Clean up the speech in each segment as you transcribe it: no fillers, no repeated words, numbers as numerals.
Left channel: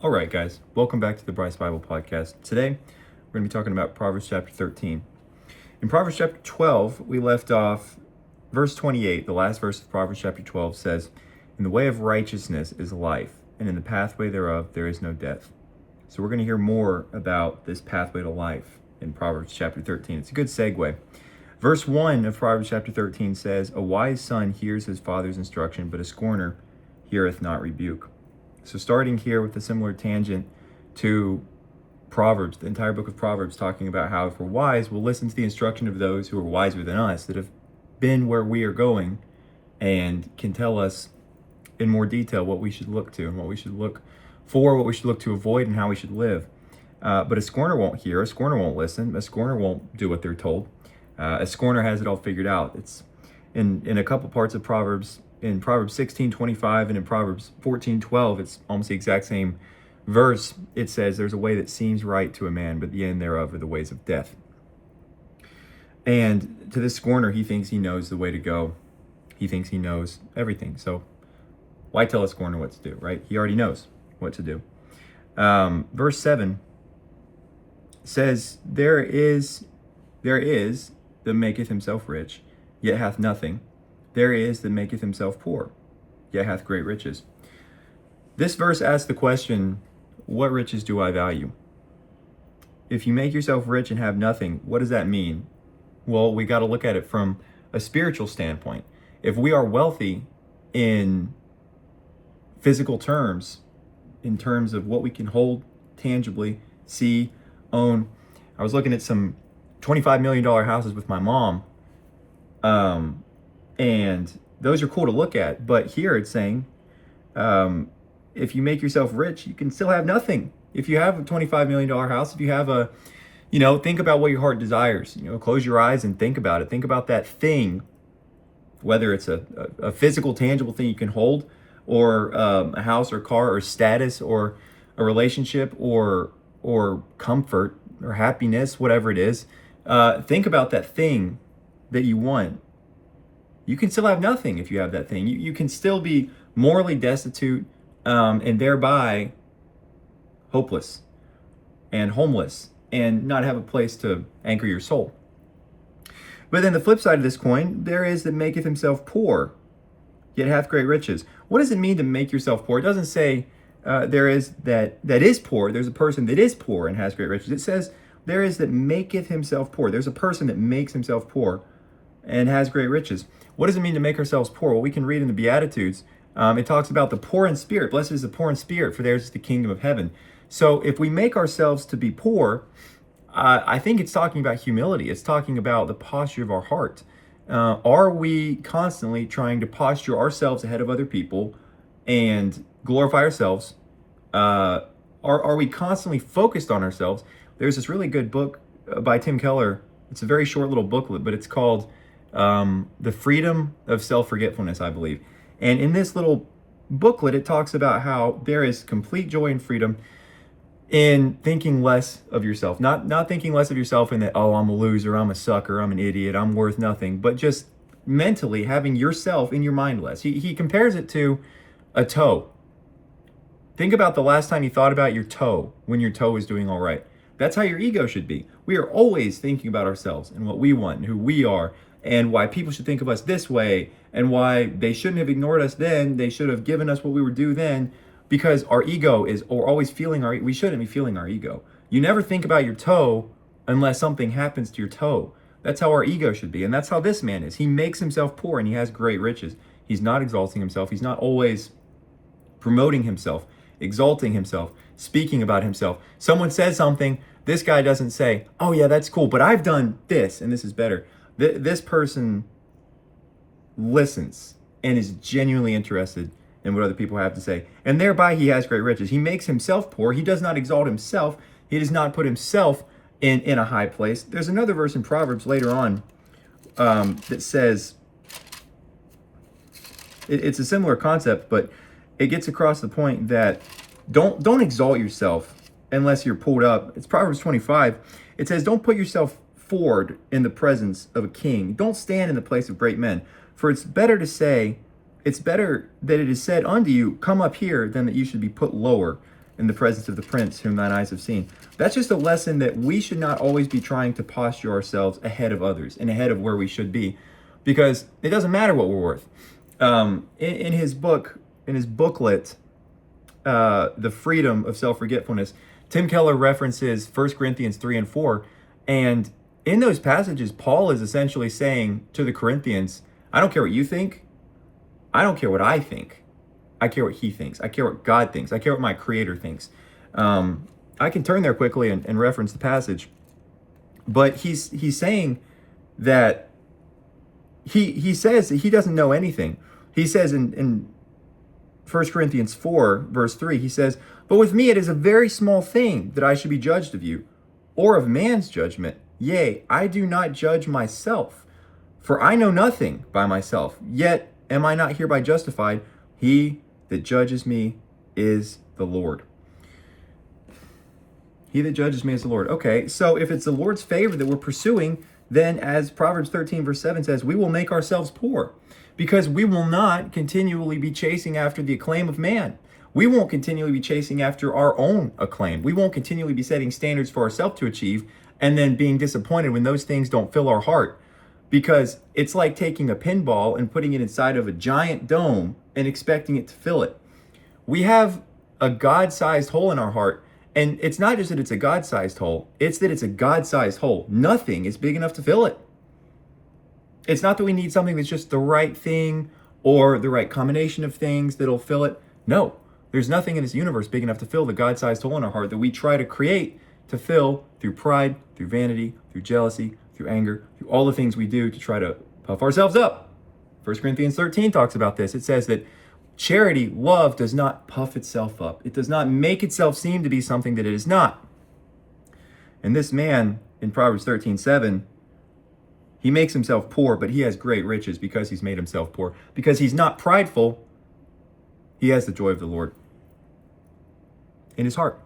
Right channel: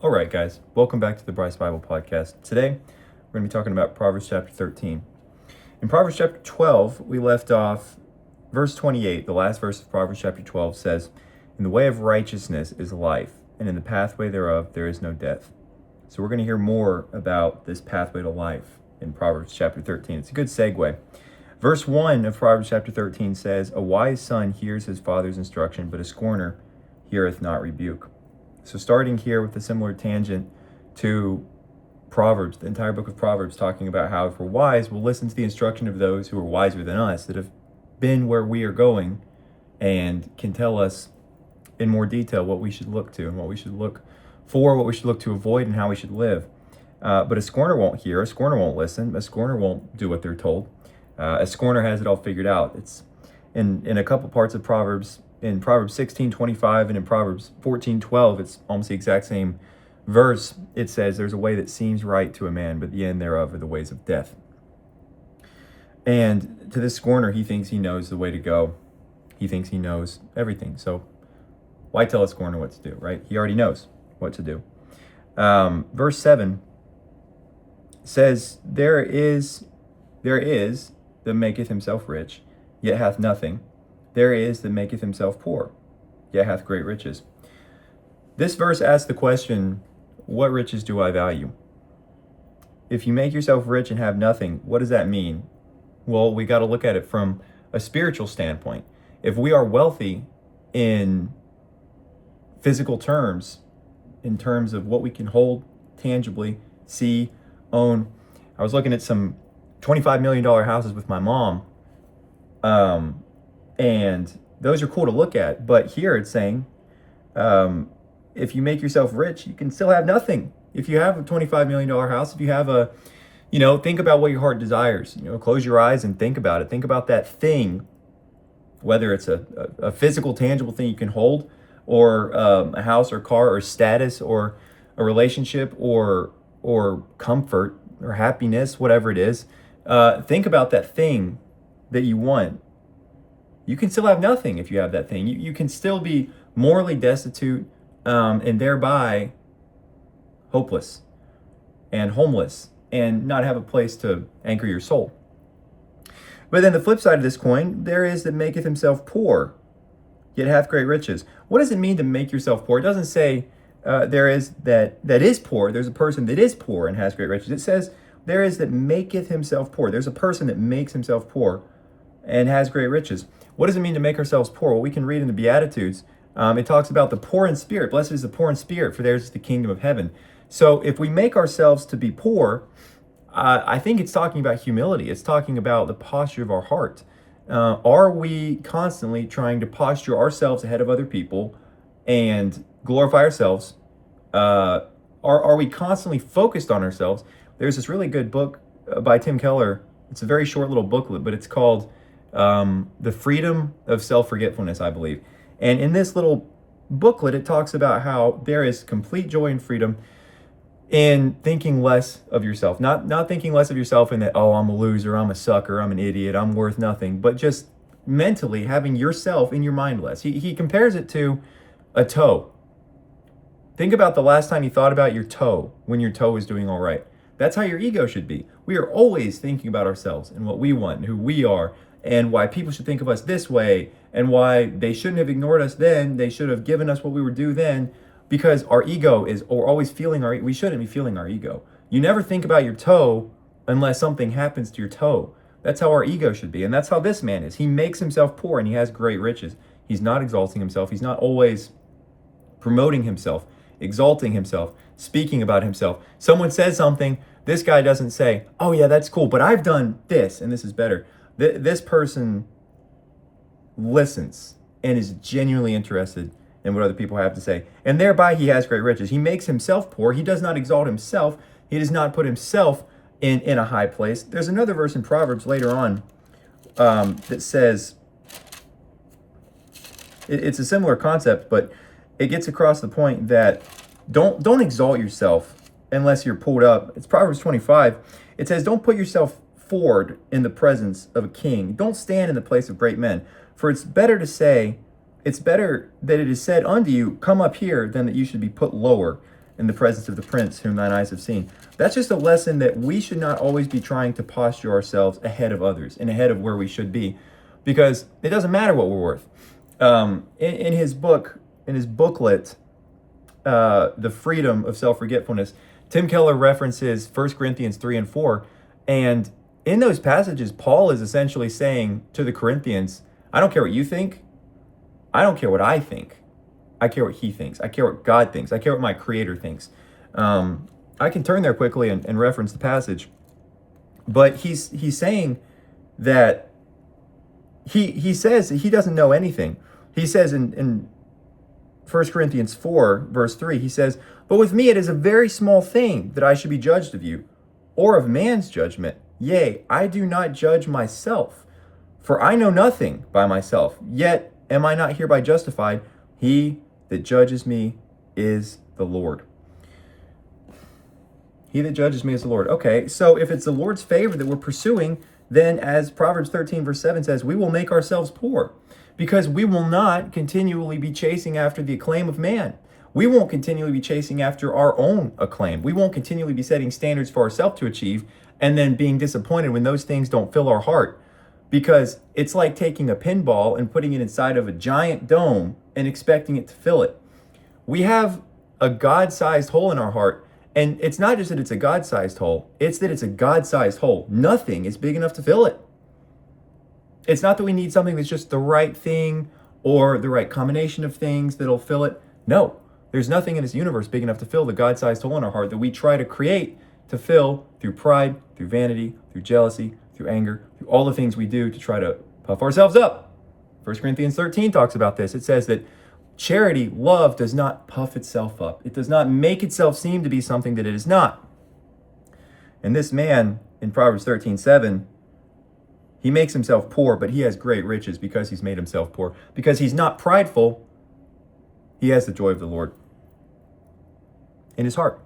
All right, guys, welcome back to the Bryce Bible Podcast. Today, we're going to be talking about Proverbs chapter 13. In Proverbs chapter 12, we left off verse 28. The last verse of Proverbs chapter 12 says, "In the way of righteousness is life, and in the pathway thereof there is no death." So we're going to hear more about this pathway to life in Proverbs chapter 13. It's a good segue. Verse 1 of Proverbs chapter 13 says, "A wise son hears his father's instruction, but a scorner heareth not rebuke." So starting here with a similar tangent to Proverbs, the entire book of Proverbs talking about how if we're wise, we'll listen to the instruction of those who are wiser than us, that have been where we are going and can tell us in more detail what we should look to and what we should look for, what we should look to avoid, and how we should live. But a scorner won't hear, a scorner won't listen, a scorner won't do what they're told. A scorner has it all figured out. It's in a couple parts of Proverbs, in Proverbs 16:25 and in Proverbs 14:12, it's almost the exact same verse. It says, "There's a way that seems right to a man, but the end thereof are the ways of death." And to this scorner, he thinks he knows the way to go. He thinks he knows everything. So why tell a scorner what to do, right? He already knows what to do. Verse 7 says, there is that maketh himself rich, yet hath nothing. There is that maketh himself poor, yet hath great riches. This verse asks the question, what riches do I value? If you make yourself rich and have nothing, what does that mean? Well, we got to look at it from a spiritual standpoint. If we are wealthy in physical terms, in terms of what we can hold tangibly, see, own. I was looking at some $25 million houses with my mom. And those are cool to look at. But here it's saying, if you make yourself rich, you can still have nothing. If you have a $25 million house, if you have think about what your heart desires. Close your eyes and think about it. Think about that thing, whether it's a physical, tangible thing you can hold, or a house or car or status or a relationship or comfort or happiness, whatever it is. Think about that thing that you want. You can still have nothing if you have that thing. You can still be morally destitute and thereby hopeless and homeless and not have a place to anchor your soul. But then the flip side of this coin, there is that maketh himself poor, yet hath great riches. What does it mean to make yourself poor? It doesn't say there is that is poor. There's a person that is poor and has great riches. It says there is that maketh himself poor. There's a person that makes himself poor and has great riches. What does it mean to make ourselves poor? Well, we can read in the Beatitudes. It talks about the poor in spirit. Blessed is the poor in spirit, for theirs is the kingdom of heaven. So if we make ourselves to be poor, I think it's talking about humility. It's talking about the posture of our heart. Are we constantly trying to posture ourselves ahead of other people and glorify ourselves? Are we constantly focused on ourselves? There's this really good book by Tim Keller. It's a very short little booklet, but it's called The Freedom of Self-Forgetfulness, I believe. And in this little booklet, it talks about how there is complete joy and freedom in thinking less of yourself. Not thinking less of yourself in that, oh, I'm a loser, I'm a sucker, I'm an idiot, I'm worth nothing, but just mentally having yourself in your mind less. He compares it to a toe. Think about the last time you thought about your toe when your toe is doing all right. That's how your ego should be. We are always thinking about ourselves and what we want and who we are and why people should think of us this way and why they shouldn't have ignored us then. They should have given us what we were due then, because our ego we're always feeling we shouldn't be feeling our ego. You never think about your toe unless something happens to your toe. That's how our ego should be. And that's how this man is. He makes himself poor and he has great riches. He's not exalting himself. He's not always promoting himself, exalting himself, speaking about himself. Someone says something, this guy doesn't say, oh yeah, that's cool, but I've done this and this is better. This person listens and is genuinely interested in what other people have to say. And thereby he has great riches. He makes himself poor. He does not exalt himself. He does not put himself in a high place. There's another verse in Proverbs later on that says, it's a similar concept, but it gets across the point that don't exalt yourself unless you're pulled up. It's Proverbs 25. It says, don't put yourself forward in the presence of a king. Don't stand in the place of great men. For it's better that it is said unto you, come up here, than that you should be put lower. in the presence of the prince whom thine eyes have seen. That's just a lesson that we should not always be trying to posture ourselves ahead of others and ahead of where we should be, because it doesn't matter what we're worth. In his booklet, The Freedom of Self-Forgetfulness, Tim Keller references 1 Corinthians 3 and 4. And in those passages, Paul is essentially saying to the Corinthians, I don't care what you think. I don't care what I think. I care what he thinks. I care what God thinks. I care what my creator thinks. I can turn there quickly and reference the passage. But he's saying that he says that he doesn't know anything. He says in 1 Corinthians 4, verse 3, he says, but with me it is a very small thing that I should be judged of you, or of man's judgment. Yea, I do not judge myself, for I know nothing by myself. Yet am I not hereby justified? He that judges me is the Lord. He that judges me is the Lord. Okay, so if it's the Lord's favor that we're pursuing, then as Proverbs 13, verse 7 says, we will make ourselves poor, because we will not continually be chasing after the acclaim of man. We won't continually be chasing after our own acclaim. We won't continually be setting standards for ourselves to achieve and then being disappointed when those things don't fill our heart. Because it's like taking a pinball and putting it inside of a giant dome and expecting it to fill it. We have a God-sized hole in our heart. And it's not just that it's a God-sized hole, it's that it's a God-sized hole. Nothing is big enough to fill it. It's not that we need something that's just the right thing or the right combination of things that'll fill it. No, there's nothing in this universe big enough to fill the God-sized hole in our heart that we try to create to fill through pride, through vanity, through jealousy, through anger, through all the things we do to try to puff ourselves up. 1 Corinthians 13 talks about this. It says that charity, love, does not puff itself up. It does not make itself seem to be something that it is not. And this man in Proverbs 13:7, he makes himself poor, but he has great riches because he's made himself poor. Because he's not prideful, he has the joy of the Lord in his heart.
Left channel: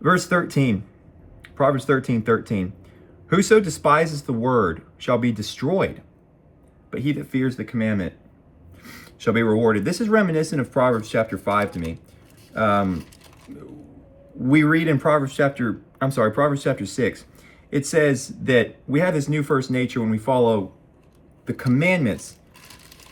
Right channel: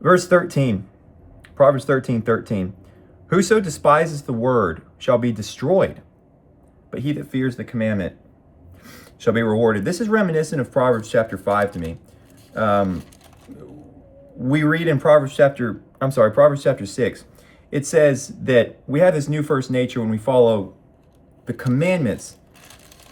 Verse 13, Proverbs 13:13. Whoso despises the word shall be destroyed, but he that fears the commandment shall be rewarded. This is reminiscent of Proverbs chapter 5 to me. We read in Proverbs chapter 6, it says that we have this new first nature when we follow the commandments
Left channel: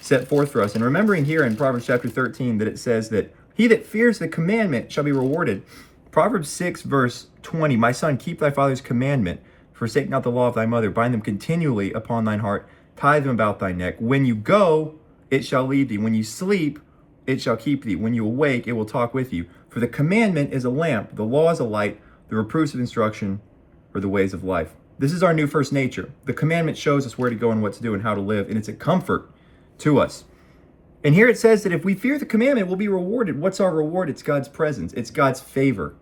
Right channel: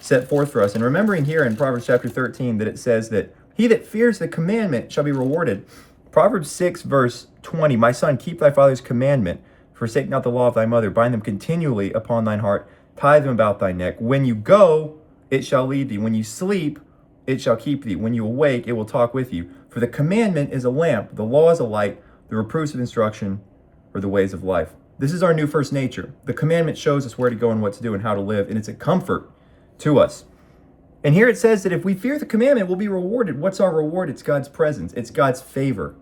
set forth for us. And remembering here in Proverbs chapter 13 that it says that he that fears the commandment shall be rewarded. Proverbs 6 verse 20, my son, keep thy father's commandment, forsake not the law of thy mother, bind them continually upon thine heart, tie them about thy neck. When you go, it shall lead thee. When you sleep, it shall keep thee. When you awake, it will talk with you. For the commandment is a lamp, the law is a light, the reproofs of instruction are the ways of life. This is our new first nature. The commandment shows us where to go and what to do and how to live, and it's a comfort to us. And here it says that if we fear the commandment, we'll be rewarded. What's our reward? It's God's presence. It's God's favor.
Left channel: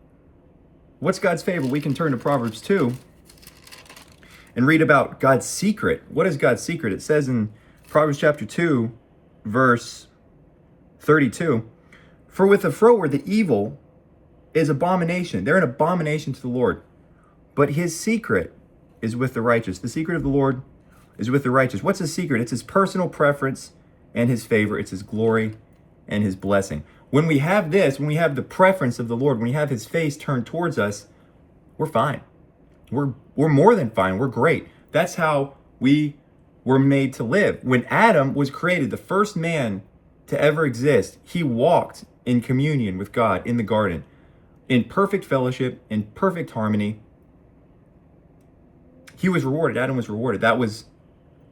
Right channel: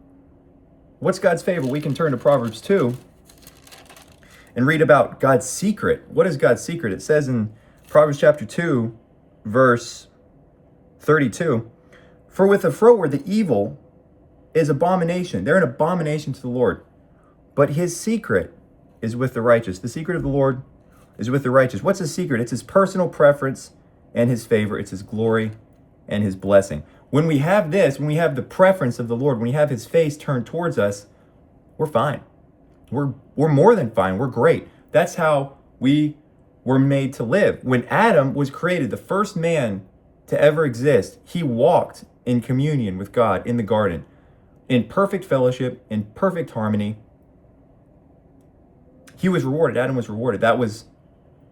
What's God's favor? We can turn to Proverbs 2 and read about God's secret. What is God's secret? It says in Proverbs chapter 2, verse 32, for with the froward the evil is abomination. They're an abomination to the Lord. But his secret is with the righteous. The secret of the Lord is with the righteous. What's his secret? It's his personal preference and his favor. It's his glory and his blessing. When we have this, when we have the preference of the Lord, when we have his face turned towards us, we're fine. We're more than fine. We're great. That's how we were made to live. When Adam was created, the first man to ever exist, he walked in communion with God in the garden, in perfect fellowship, in perfect harmony. He was rewarded. Adam was rewarded. That was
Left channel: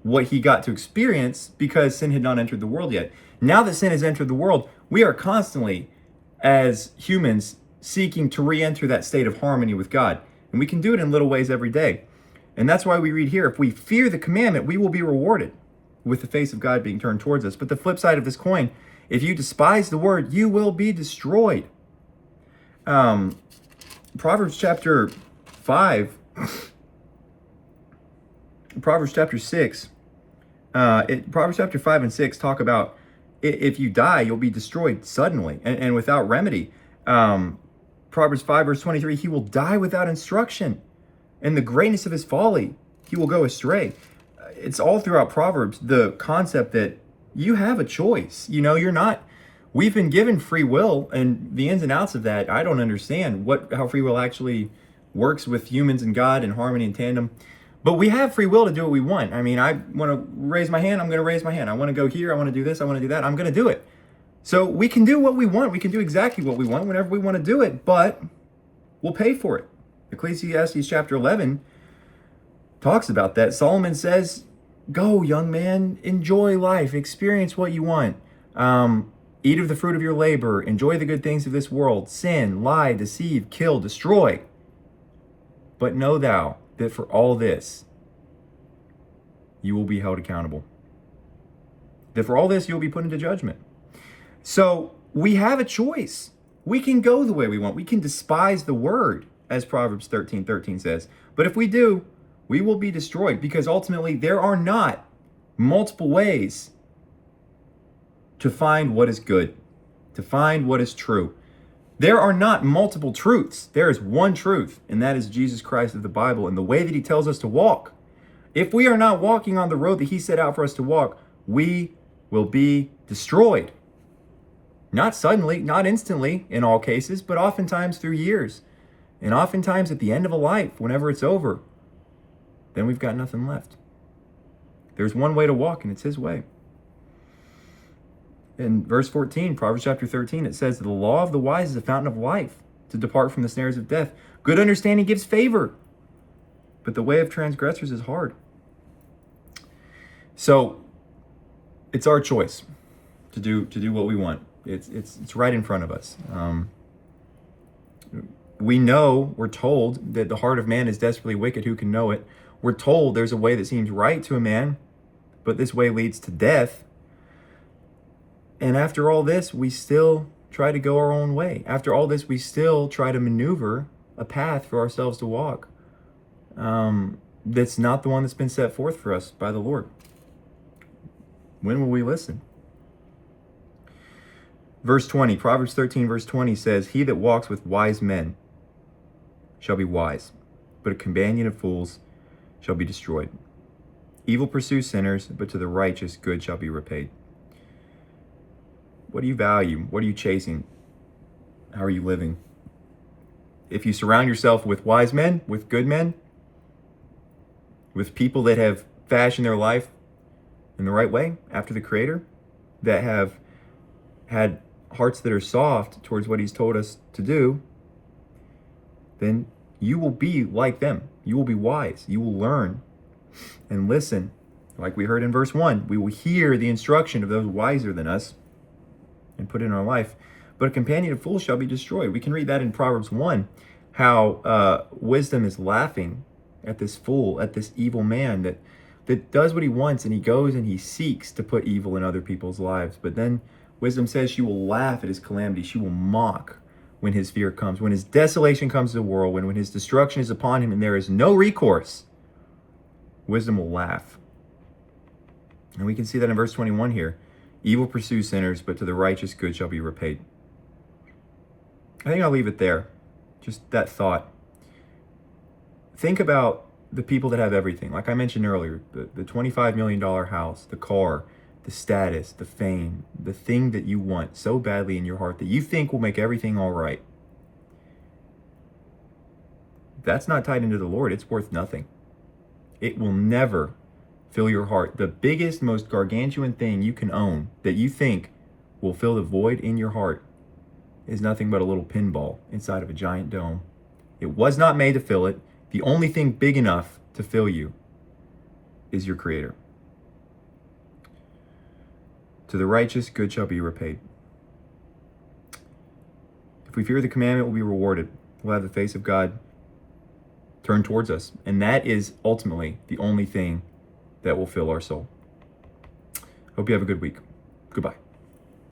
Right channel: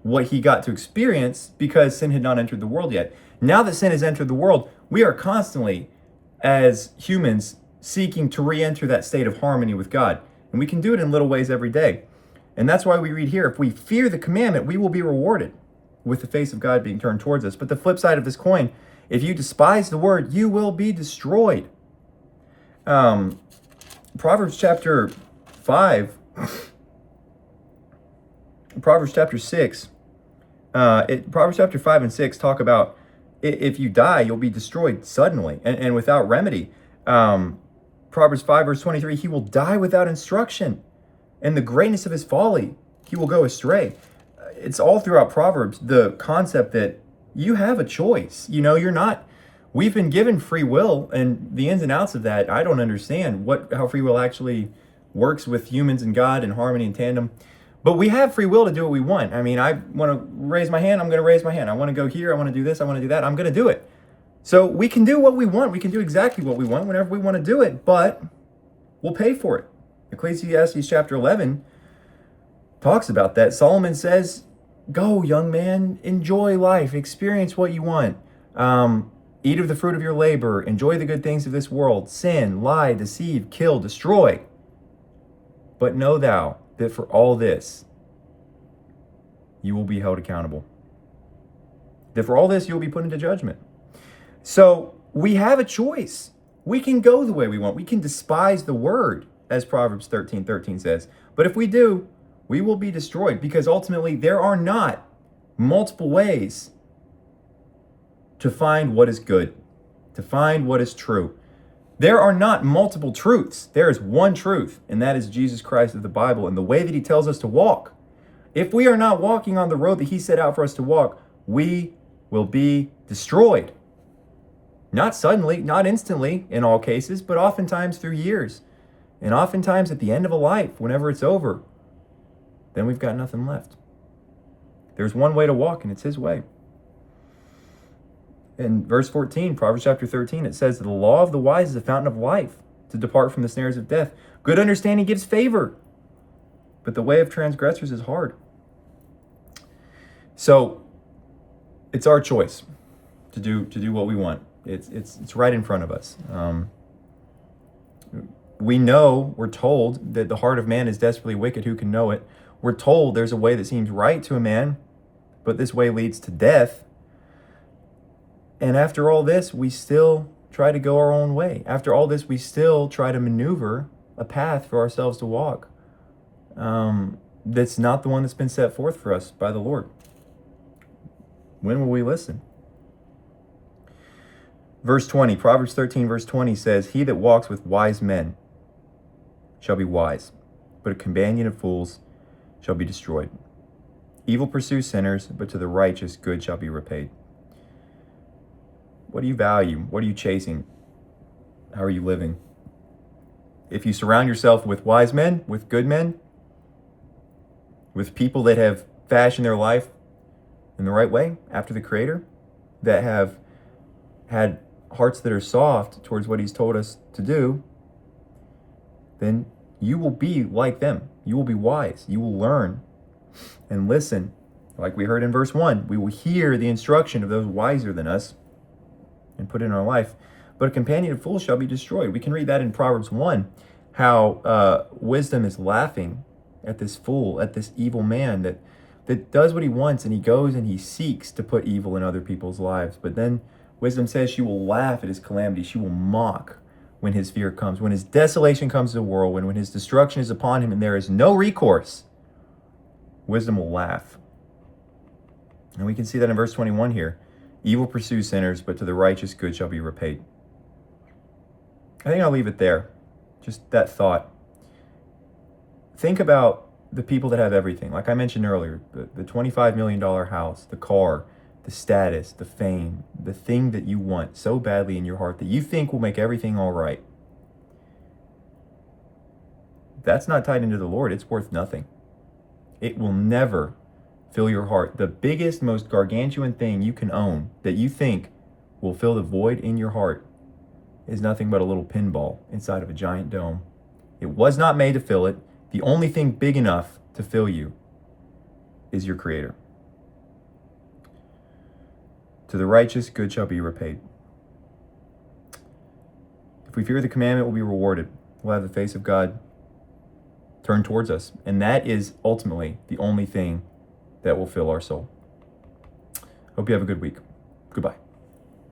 what he got to experience because sin had not entered the world yet. Now that sin has entered the world, we are constantly, as humans, seeking to re-enter that state of harmony with God. And we can do it in little ways every day. And that's why we read here, if we fear the commandment, we will be rewarded with the face of God being turned towards us. But the flip side of this coin, if you despise the word, you will be destroyed. Proverbs chapter 5, Proverbs chapter 6, Proverbs chapter 5 and 6 talk about if you die, you'll be destroyed suddenly and without remedy. Proverbs 5 verse 23, he will die without instruction. And the greatness of his folly, he will go astray. It's all throughout Proverbs, the concept that you have a choice. You know, you're not We've been given free will, and the ins and outs of that, I don't understand how free will actually works with humans and God in harmony and tandem. But we have free will to do what we want. I mean, I want to raise my hand, I'm going to raise my hand. I want to go here, I want to do this, I want to do that, I'm going to do it. So we can do what we want. We can do exactly what we want whenever we want to do it, but we'll pay for it. Ecclesiastes chapter 11 talks about that. Solomon says, go, young man, enjoy life, experience what you want. Eat of the fruit of your labor, enjoy the good things of this world, sin, lie, deceive, kill, destroy. But know thou that for all this, you will be held accountable. That for all this, you will be put into judgment. So we have a choice. We can go the way we want. We can despise the word, as Proverbs 13:13 says. But if we do, we will be destroyed, because ultimately there are not multiple ways to find what is good, to find what is true. There are not multiple truths. There is one truth, and that is Jesus Christ of the Bible and the way that he tells us to walk. If we are not walking on the road that he set out for us to walk, we will be destroyed. Not suddenly, not instantly in all cases, but oftentimes through years. And oftentimes at the end of a life, whenever it's over, then we've got nothing left. There's one way to walk, and it's his way. In verse 14, Proverbs chapter 13, it says, the law of the wise is a fountain of life, to depart from the snares of death. Good understanding gives favor, but the way of transgressors is hard. So it's our choice to do what we want. It's right in front of us. We know, we're told that the heart of man is desperately wicked. Who can know it? We're told there's a way that seems right to a man, but this way leads to death. And after all this, we still try to go our own way. After all this, we still try to maneuver a path for ourselves to walk. That's not the one that's been set forth for us by the Lord. When will we listen? Verse 20, Proverbs 13, verse 20 says, he that walks with wise men shall be wise, but a companion of fools shall be destroyed. Evil pursues sinners, but to the righteous good shall be repaid. What do you value? What are you chasing? How are you living? If you surround yourself with wise men, with good men, with people that have fashioned their life in the right way after the Creator, that have had hearts that are soft towards what he's told us to do, then you will be like them. You will be wise. You will learn and listen. Like we heard in verse 1, we will hear the instruction of those wiser than us and put it in our life. But a companion of fools shall be destroyed. We can read that in Proverbs 1, how wisdom is laughing at this fool, at this evil man that does what he wants, and he goes and he seeks to put evil in other people's lives. But then wisdom says she will laugh at his calamity. She will mock when his fear comes, when his desolation comes to the world, when his destruction is upon him and there is no recourse. Wisdom will laugh. And we can see that in verse 21 here. Evil pursues sinners, but to the righteous good shall be repaid. I think I'll leave it there. Just that thought. Think about the people that have everything. Like I mentioned earlier, the $25 million house, the car, the status, the fame, the thing that you want so badly in your heart that you think will make everything all right. That's not tied into the Lord. It's worth nothing. It will never fill your heart. The biggest, most gargantuan thing you can own that you think will fill the void in your heart is nothing but a little pinball inside of a giant dome. It was not made to fill it. The only thing big enough to fill you is your Creator. To the righteous, good shall be repaid. If we fear the commandment, we'll be rewarded. We'll have the face of God turned towards us. And that is ultimately the only thing that will fill our soul. Hope you have a good week. Goodbye.